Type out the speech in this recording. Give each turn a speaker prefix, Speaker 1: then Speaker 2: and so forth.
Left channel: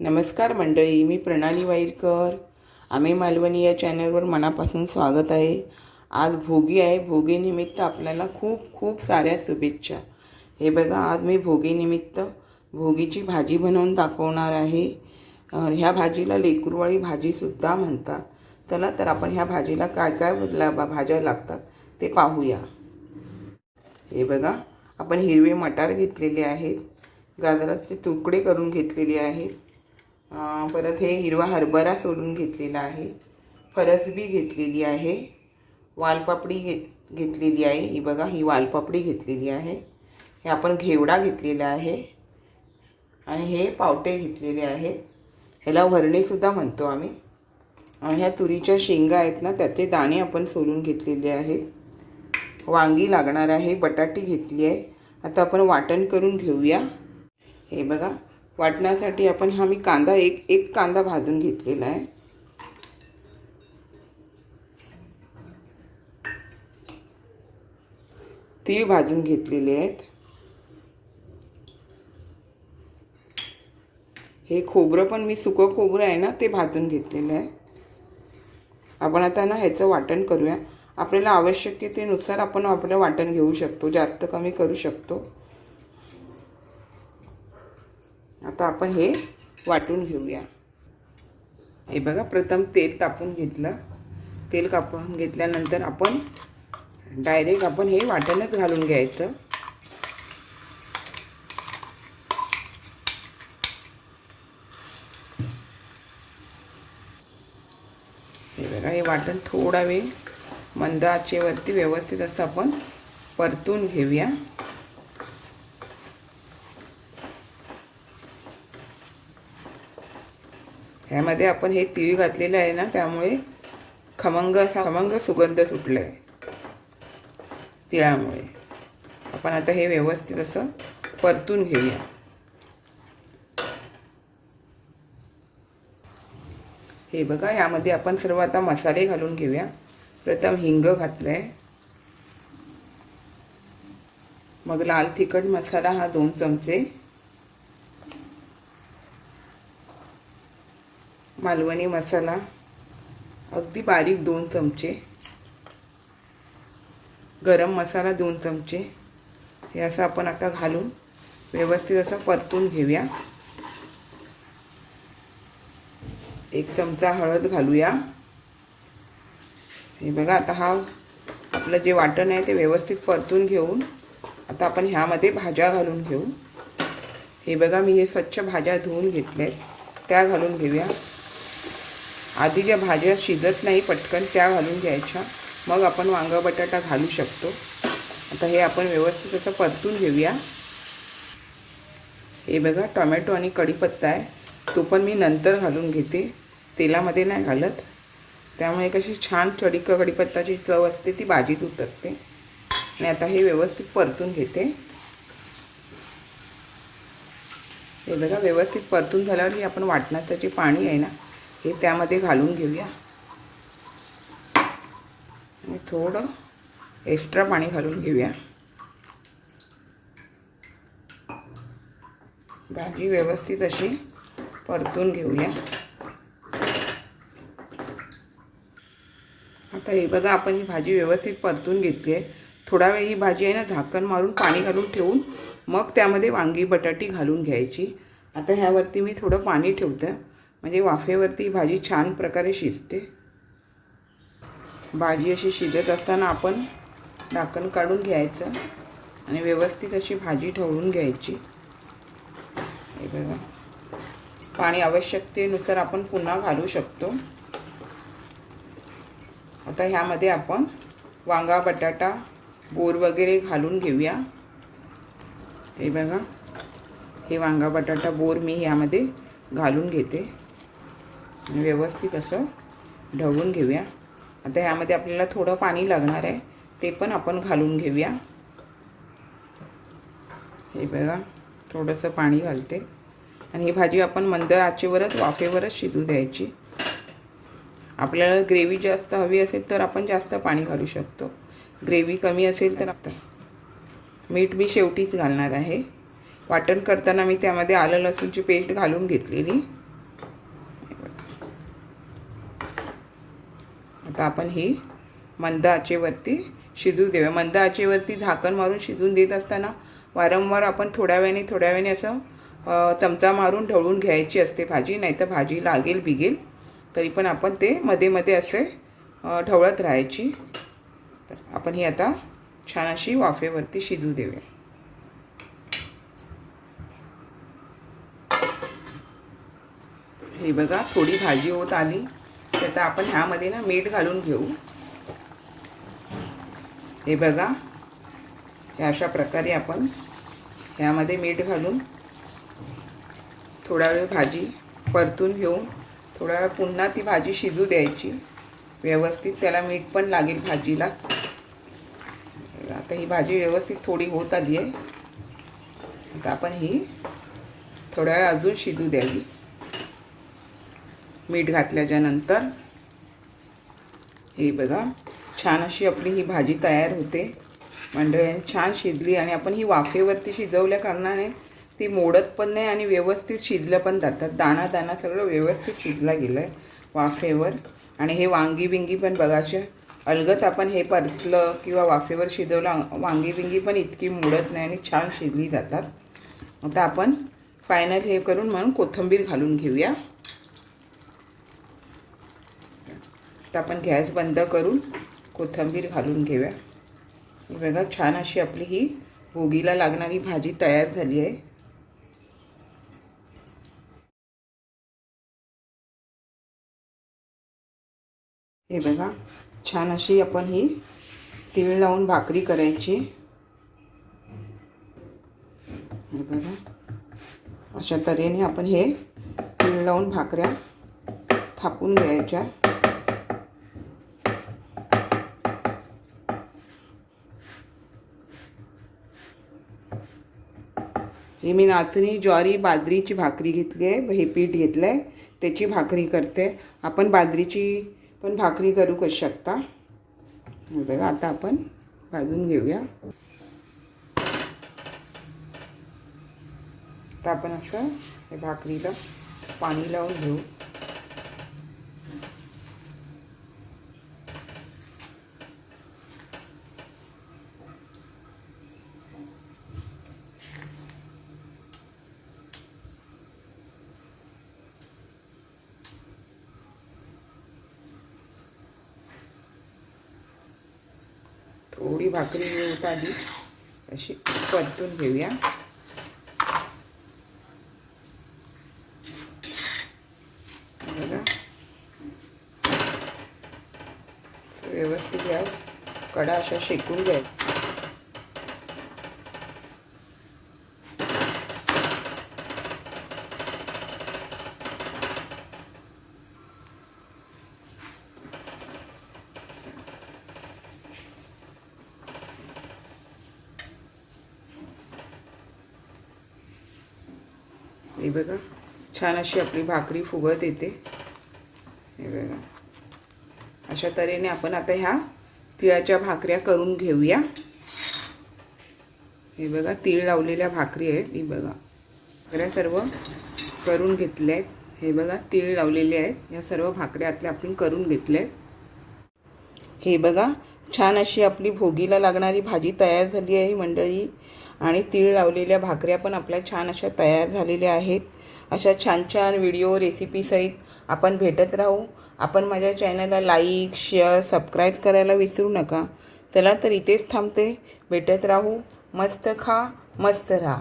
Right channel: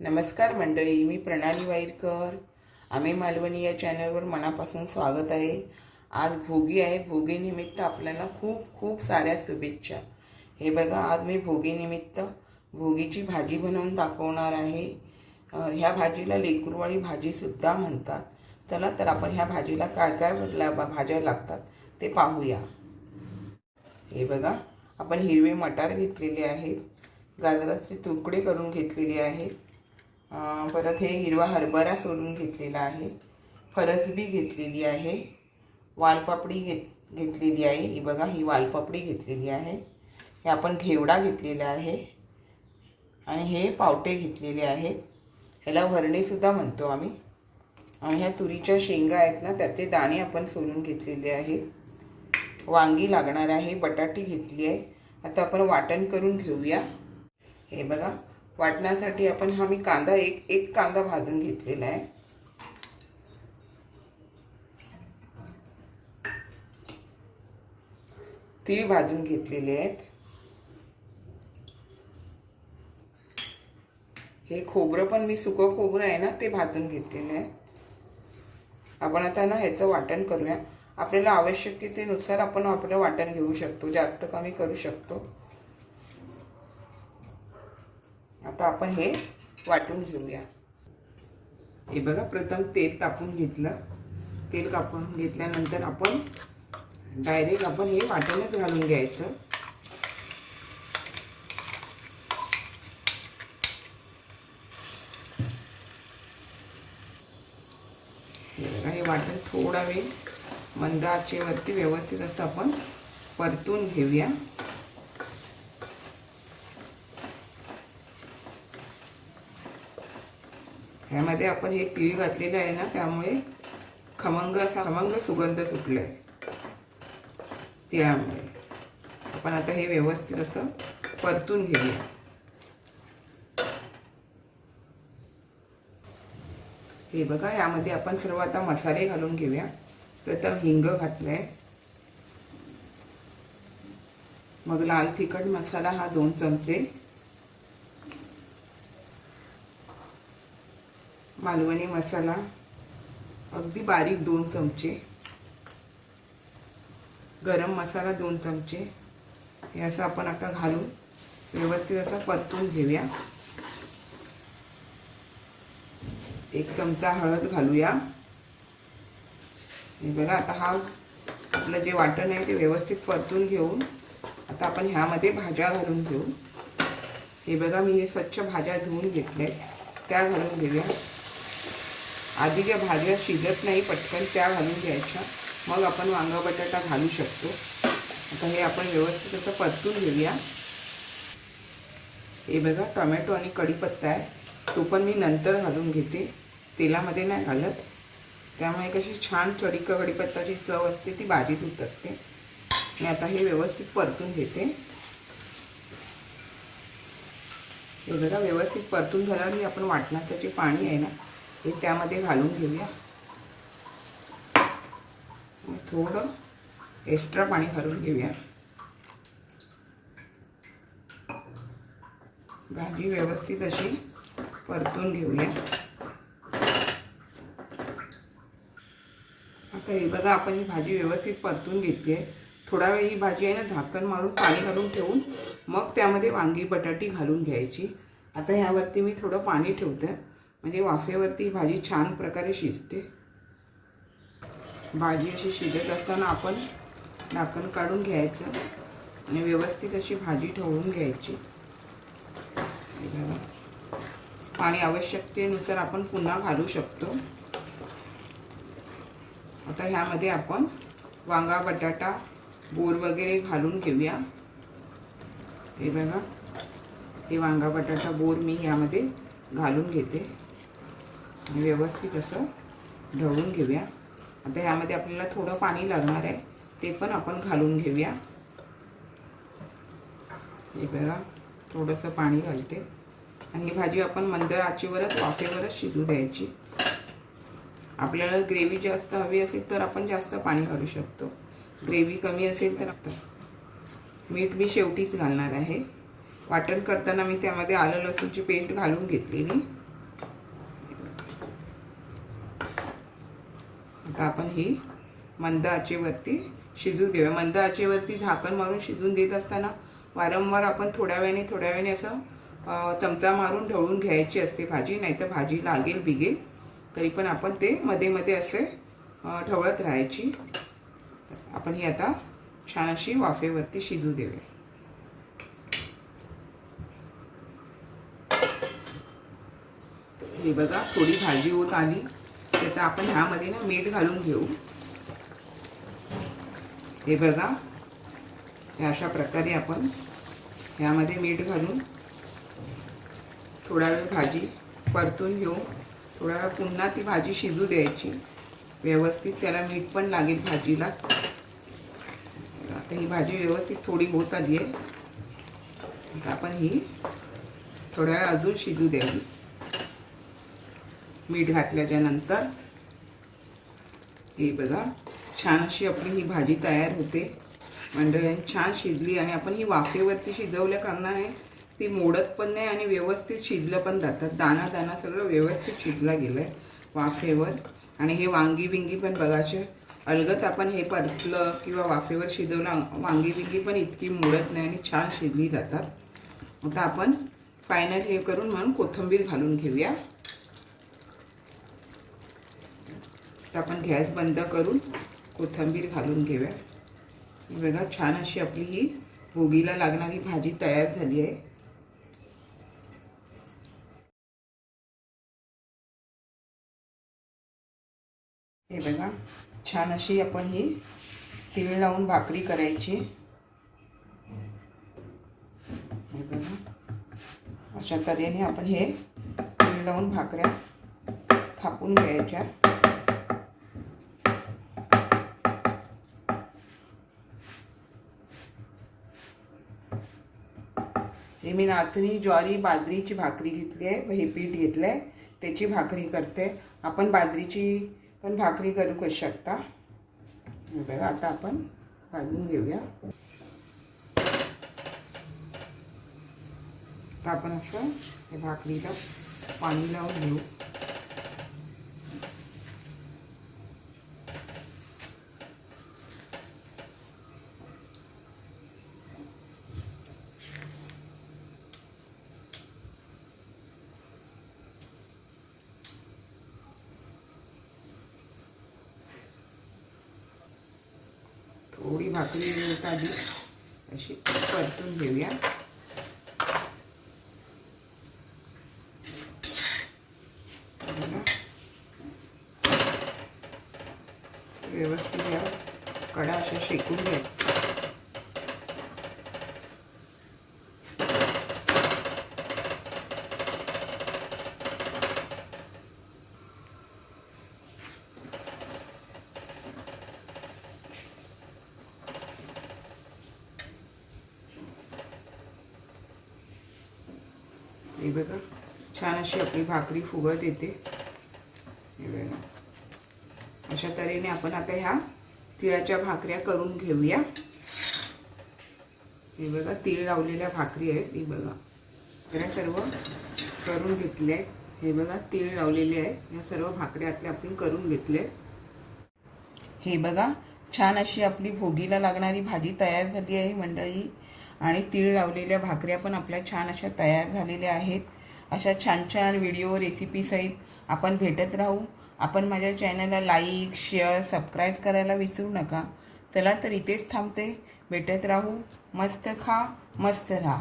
Speaker 1: नमस्कार मंडळी मी प्रणाली वाईरकर. आम्ही मालवणी या चॅनलवर मनापासून स्वागत आहे. आज भोगी आहे. भोगीनिमित्त आपल्याला खूप खूप साऱ्या शुभेच्छा. हे बघा आज मी भोगीनिमित्त भोगीची भाजी बनवून दाखवणार आहे. ह्या भाजीला लेकुरवाळी भाजीसुद्धा म्हणतात. चला तर आपण ह्या भाजीला काय काय ला भाज्या लागतात ते पाहूया. हे बघा आपण हिरवे मटार घेतलेले आहेत. गाजराचे तुकडे करून घेतलेले आहेत. परत हे हिरवा हरभरा सोलून घेतलेला आहे. फरसबी घेतलेली आहे. वालपापडी घेत घेतलेली आहे. ही बघा ही वालपापडी घेतलेली आहे. हे आपण घेवडा घेतलेला आहे. आणि हे पावटे घेतलेले आहेत. ह्याला वरणेसुद्धा म्हणतो आम्ही. ह्या तुरीच्या शेंगा आहेत ना त्याचे दाणे आपण सोलून घेतलेले आहेत. वांगी लागणार आहे बटाटी घेतली आहे. आता आपण वाटण करून घेऊया. हे बघा वाटण्यासाठी आपण हा मी कांदा एक एक कांदा भाजून घेतलेला आहे. तीळ भाजून घेतलेले आहेत. हे खोबरं पण मी सुकं खोबरं आहे ना ते भाजून घेतलेलं आहे. आपण आता ना ह्याचं वाटण करूया. आपल्याला आवश्यकतेनुसार आपण आपलं वाटण घेऊ शकतो जास्त कमी करू शकतो. आता आपण हे वाटून घेऊया. हे बघा प्रथम तेल तापून घेतलं. तेल कापून घेतल्यानंतर आपण डायरेक्ट आपण हे वाटणच घालून घ्यायचं. हे बघा हे वाटण थोडा वेळ मंदाचेवरती व्यवस्थित असं आपण परतून घेऊया. ह्यामध्ये आपण हे तिळ घातलेलं आहे ना त्यामुळे खमंग असा खमंग सुगंध सुटला आहे तिळामुळे आपण आता हे व्यवस्थित असं परतून घेऊया. हे बघा यामध्ये आपण सर्व आता मसाले घालून घेऊया. प्रथम हिंग घातलं आहे मग लाल तिखट मसाला हा दोन चमचे. मालवणी मसाला. अगदी बारीक दोन चमचे. गरम मसाला दोन चमचे. हे असं आपण आता घालून व्यवस्थित असं परतून घेऊया. एक चमचा हळद घालूया. हे बघा आता हा आपलं जे वाटण आहे ते व्यवस्थित परतून घेऊन आता आपण ह्यामध्ये भाज्या घालून घेऊ. हे बघा मी हे स्वच्छ भाज्या धुवून घेतल्या त्या घालून घेऊया. आधी ज्या भाज्या शिजत नाही पटकन त्या घालून घ्यायच्या. मग आपण वांगा बटाटा घालू शकतो. आता हे आपण व्यवस्थित असं परतून घेऊया. हे बघा टोमॅटो आणि कढीपत्ता आहे. तो पण मी नंतर घालून घेते. तेलामध्ये नाही घालत. त्यामुळे कशी छान कढी कढीपत्ताची चव असते ती भाजीत उतरते. आणि आता हे व्यवस्थित परतून घेते. हे बघा व्यवस्थित परतून झाल्यावर आपण वाटणाचं जे पाणी आहे ना हे त्यामध्ये घालून घेऊया. आणि थोडं एक्स्ट्रा पाणी घालून घेऊया. भाजी व्यवस्थित अशी परतून घेऊया. आता हे बघा आपण ही भाजी व्यवस्थित परतून घेतली आहे. थोडा वेळ ही भाजी आहे ना झाकण मारून पाणी घालून ठेवून मग त्यामध्ये वांगी बटाटी घालून घ्यायची. आता ह्यावरती मी थोडं पाणी ठेवतं. म्हणजे वाफेवरती भाजी छान प्रकारे शिजते. भाजी अशी शिजत असताना आपण झाकण काढून घ्यायचं आणि व्यवस्थित अशी भाजी ठेवून घ्यायची. हे बघा. पाणी आवश्यकतेनुसार आपण पुन्हा घालू शकतो. आता ह्यामध्ये आपण वांगा बटाटा बोर वगैरे घालून घेऊया. हे बघा. हे वांगा बटाटा बोर मी ह्यामध्ये घालून घेते. व्यवस्थित असं ढवळून घेऊया. आता ह्यामध्ये आपल्याला थोडं पाणी लागणार आहे ते पण आपण घालून घेऊया. हे बघा थोडंसं पाणी घालते. आणि ही भाजी आपण मंद आचेवरच वाफेवरच शिजू द्यायची. आपल्याला ग्रेव्ही जास्त हवी असेल तर आपण जास्त पाणी घालू शकतो. ग्रेव्ही कमी असेल तर आता. मीठ मी शेवटीच घालणार आहे. वाटण करताना मी त्यामध्ये आलं लसूणची पेस्ट घालून घेतलेली. आता आपण ही मंद आचेवरती शिजू देऊया. मंद आचेवरती झाकण मारून शिजून देत असताना वारंवार आपण थोड्या वेळाने थोड्या वेळाने असं चमचा मारून ढवळून घ्यायची असते भाजी नाहीतर भाजी लागेल बिगेल तरी पण आपण ते मध्ये मध्ये असे ढवळत राहायची. आपण ही आता छान अशी वाफेवरती शिजू देऊया. हे बघा थोडी भाजी होत आली. आता आपण ह्यामध्ये ना मीठ घालून घेऊ. हे बघा. अशा प्रकारे आपण ह्यामध्ये मीठ घालून थोडा वेळ भाजी परतून घेऊ. थोडा वेळ पुन्हा ती भाजी शिजू द्यायची. व्यवस्थित त्याला मीठ पण लागेल भाजीला. आता ही भाजी व्यवस्थित थोडी होत आली आहे. आता आपण ही थोड्या वेळ अजून शिजू द्यावी. मीठ घातल्याच्या नंतर हे बघा छान अशी आपली ही भाजी तयार होते. मंडळी छान शिजली आणि आपण ही वाफेवरती शिजवल्या कारणाने ती मोडत पण नाही आणि व्यवस्थित शिजलं पण जातात दाणा दाणा सगळं व्यवस्थित शिजला गेलं आहे वाफेवर. आणि हे वांगी बिंगी पण बघा अलगत आपण हे परतलं किंवा वाफेवर शिजवलं वांगी बिंगी पण इतकी मोडत नाही आणि छान शिजली जातात. आता आपण फायनल हे करून म्हणून कोथिंबीर घालून घेऊया. आता आपण गॅस बंद करून कोथिंबीर घालून घेऊया. ही बघा छान अशी आपली ही भोगीला लागणारी भाजी तयार झाली आहे. हे बघा छान अशी आपण ही तीळ लावून भाकरी करायची. हे बघा अशा तऱ्हेने आपण हे तीळ लावून भाकऱ्या थापून घ्यायच्या. हे मी नाचणी ज्वारी बाजरीची भाकरी घेतली आहे हे पीठ घेतलं आहे त्याची भाकरी करते. आपण बाजरीची पण भाकरी करू करू शकता? बघा आता आपण भाजून घेऊया. आता आपण असं भाकरीला पाणी लावून घेऊ. थोडी भाकरी मिळत आधी? अशी परतून घेऊया. व्यवस्थित या कडा अशा शेकून घ्याय हे बघा छान अशी आपली भाकरी फुगत येते. हे बघा. अशा तऱ्हेने आपण आता ह्या तिळाच्या भाकऱ्या करून घेऊया. हे बघा तीळ लावलेल्या भाकरी आहेत ही बघा. भाकऱ्या सर्व करून घेतल्या. आहेत हे बघा तीळ लावलेले आहेत. या सर्व भाकऱ्या आतल्या आपण करून घेतल्या आहेत हे बघा छान अशी आपली भोगीला लागणारी भाजी तयार झाली आहे मंडळी. आणि तीळ लावलेल्या भाकऱ्या पण आपल्या छान अशा तयार झालेल्या आहेत. अशा छान छान व्हिडिओ रेसिपीसहित आपण भेटत राहू. आपण माझ्या चॅनलला लाईक शेअर सबस्क्राईब करायला विसरू नका. चला तर इथेच थांबते. भेटत राहू. मस्त खा मस्त राहा.